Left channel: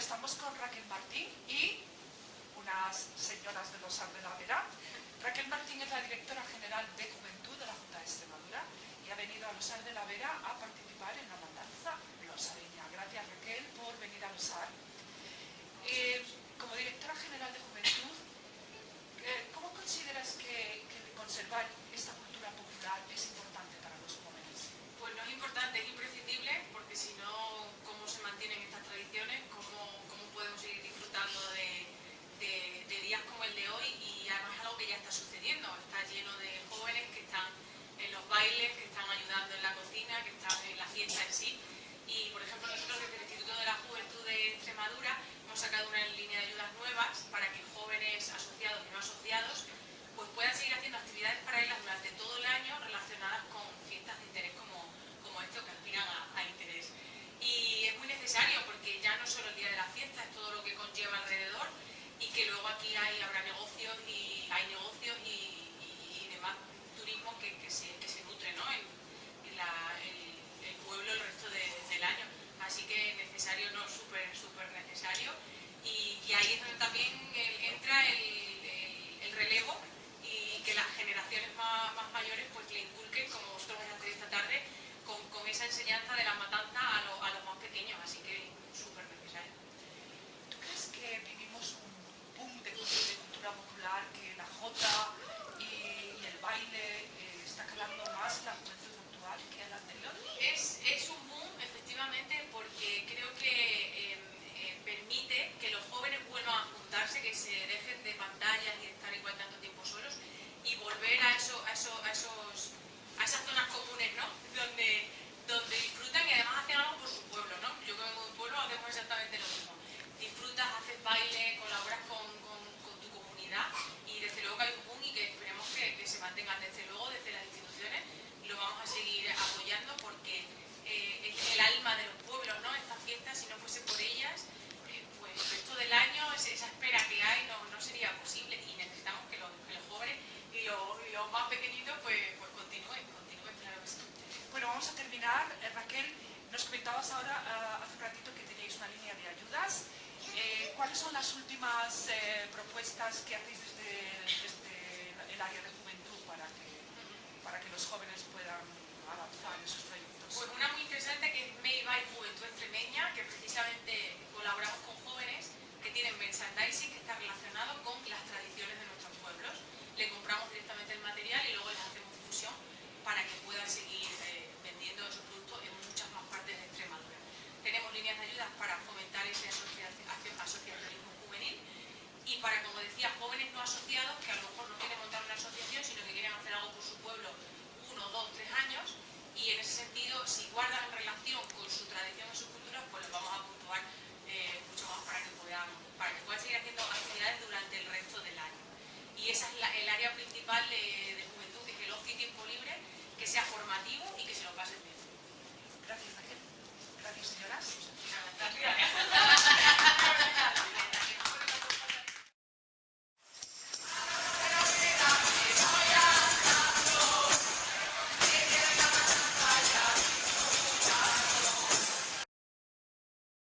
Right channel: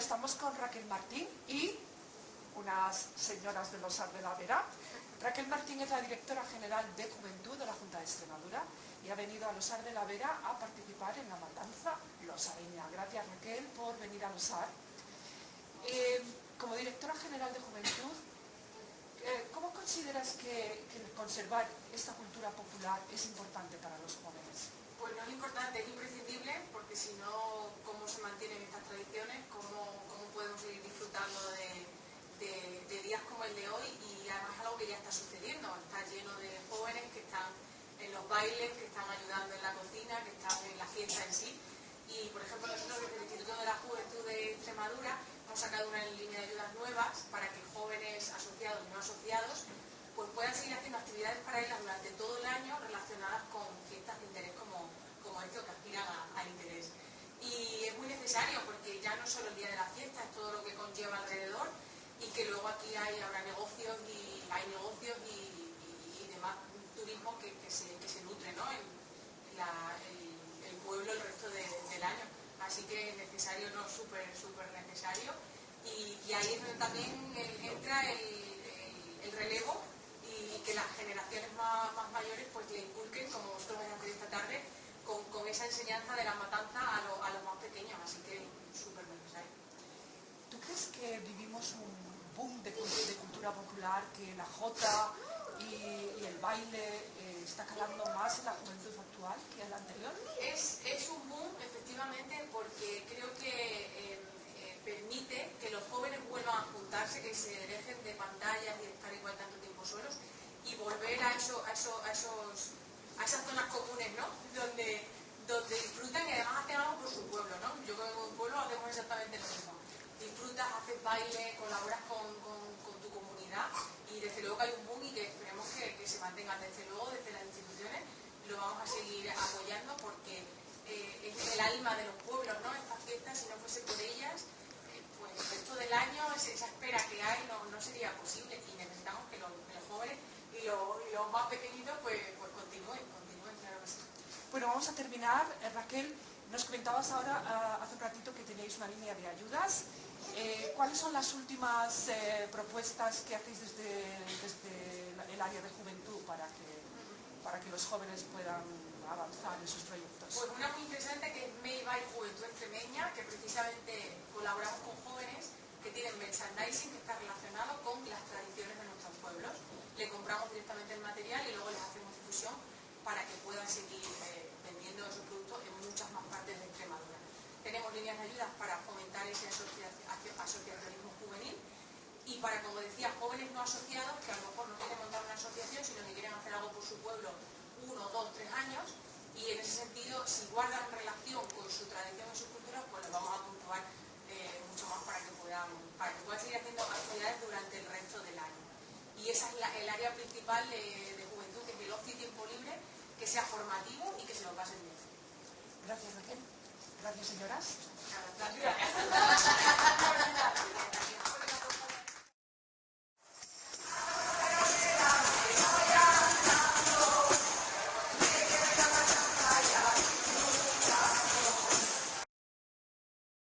estamos con Raquel Martín y unas señoras del Osar de la Vera. Raquel Martín es la directora general de Juventud de la Junta de Extremadura y ha venido al Osar de la Vera a participar en la matanza losareña. Gracias, Raquel, por venir al Osar. Como directora general de Juventud, ¿cómo consideras que conservar esta cultura popular es importante para los jóvenes? Pues no es importante, es imprescindible, porque si no, ¿cómo se mantienen estas tradiciones? ¿Cómo podemos seguir disfrutando de días como el de hoy? Y además es algo que ya está sucediendo, está lleno de jóvenes que están en los bailes, que están ayudando en la cocina, que están en la fiesta en sí. Y, por ejemplo, nosotros desde el Instituto de la Juventud de Extremadura hemos sacado una línea de ayudas nuevas para que jóvenes asociados y no asociados pues puedan seguir haciendo actividades paralelas durante todo el año relacionadas con fiestas de interés como esto, que aspiran a interés. Y es muy necesario porque ya no solo el día de la fiesta, es todo lo que conlleva alrededor, y que luego aquí habrá negocios y demás turismo que se nutre, ¿no? en el pueblo el resto del año. Así que necesario, no, súper necesario. Y ahí es donde también entra el relevo y que las generaciones más mayores pues le inculquen, como vosotros vais a hacer esta tarde, con esa enseñanza de la matanza a los más pequeños. Así que súper necesario. ¿Tú crees que vivimos un boom de cultura popular, que la jota y el baile está calando más en la juventud actual que en la anterior? Es un boom, efectivamente, porque creo que permite que los jóvenes vuelvan a juntarse, que se dejen de pantallas y de estar igual tanto tiempo solos y volver a esas zonas comunes, ¿no? Donde disfrutan y además hacen algo por su pueblo, ¿no? Yo que vengo de un pueblo hacemos exactamente lo mismo. Disfrutas, haces baile, colaboras con tu comunidad y desde luego que hay un boom y que esperemos que se mantenga. Desde luego desde las instituciones lo vamos a seguir apoyando porque es el alma de los pueblos, ¿no? Estas fiestas, si no fuese por ellas, pues el resto del año esa espera que hay no sería posible y necesitamos que los jóvenes y los más pequeñitos pues continúen, claro que sí. Bueno, vamos a terminar. Raquel, nos comentabas ahora, hace un ratito, que tenéis una línea de ayudas. ¿Cuáles son las últimas propuestas que hacéis desde el área de juventud para que los jóvenes puedan avanzar en sus proyectos? Pues una muy interesante que es May by Juventud Extremeña, que precisamente colaboramos con jóvenes que tienen merchandising que está relacionado con las tradiciones de nuestros pueblos. Le compramos directamente el material y luego les hacemos difusión para que puedan seguir vendiendo esos productos en muchas más partes de Extremadura. Tenemos líneas de ayudas para fomentar ese asociacionismo juvenil y para, como decía, jóvenes no asociados que a lo mejor no quieren montar una asociación, sino que quieren hacer algo por su pueblo 1, 2, 3 años, y en ese sentido, si guardan relación con su tradición y sus culturas, pues los vamos a puntuar mucho más para que puedan seguir haciendo actividades durante el resto del año. Y esa es el área principal de juventud, que es el ocio y tiempo libre, que sea formativo y que se lo pasen bien. Gracias, Raquel. Gracias, señoras. Gracias.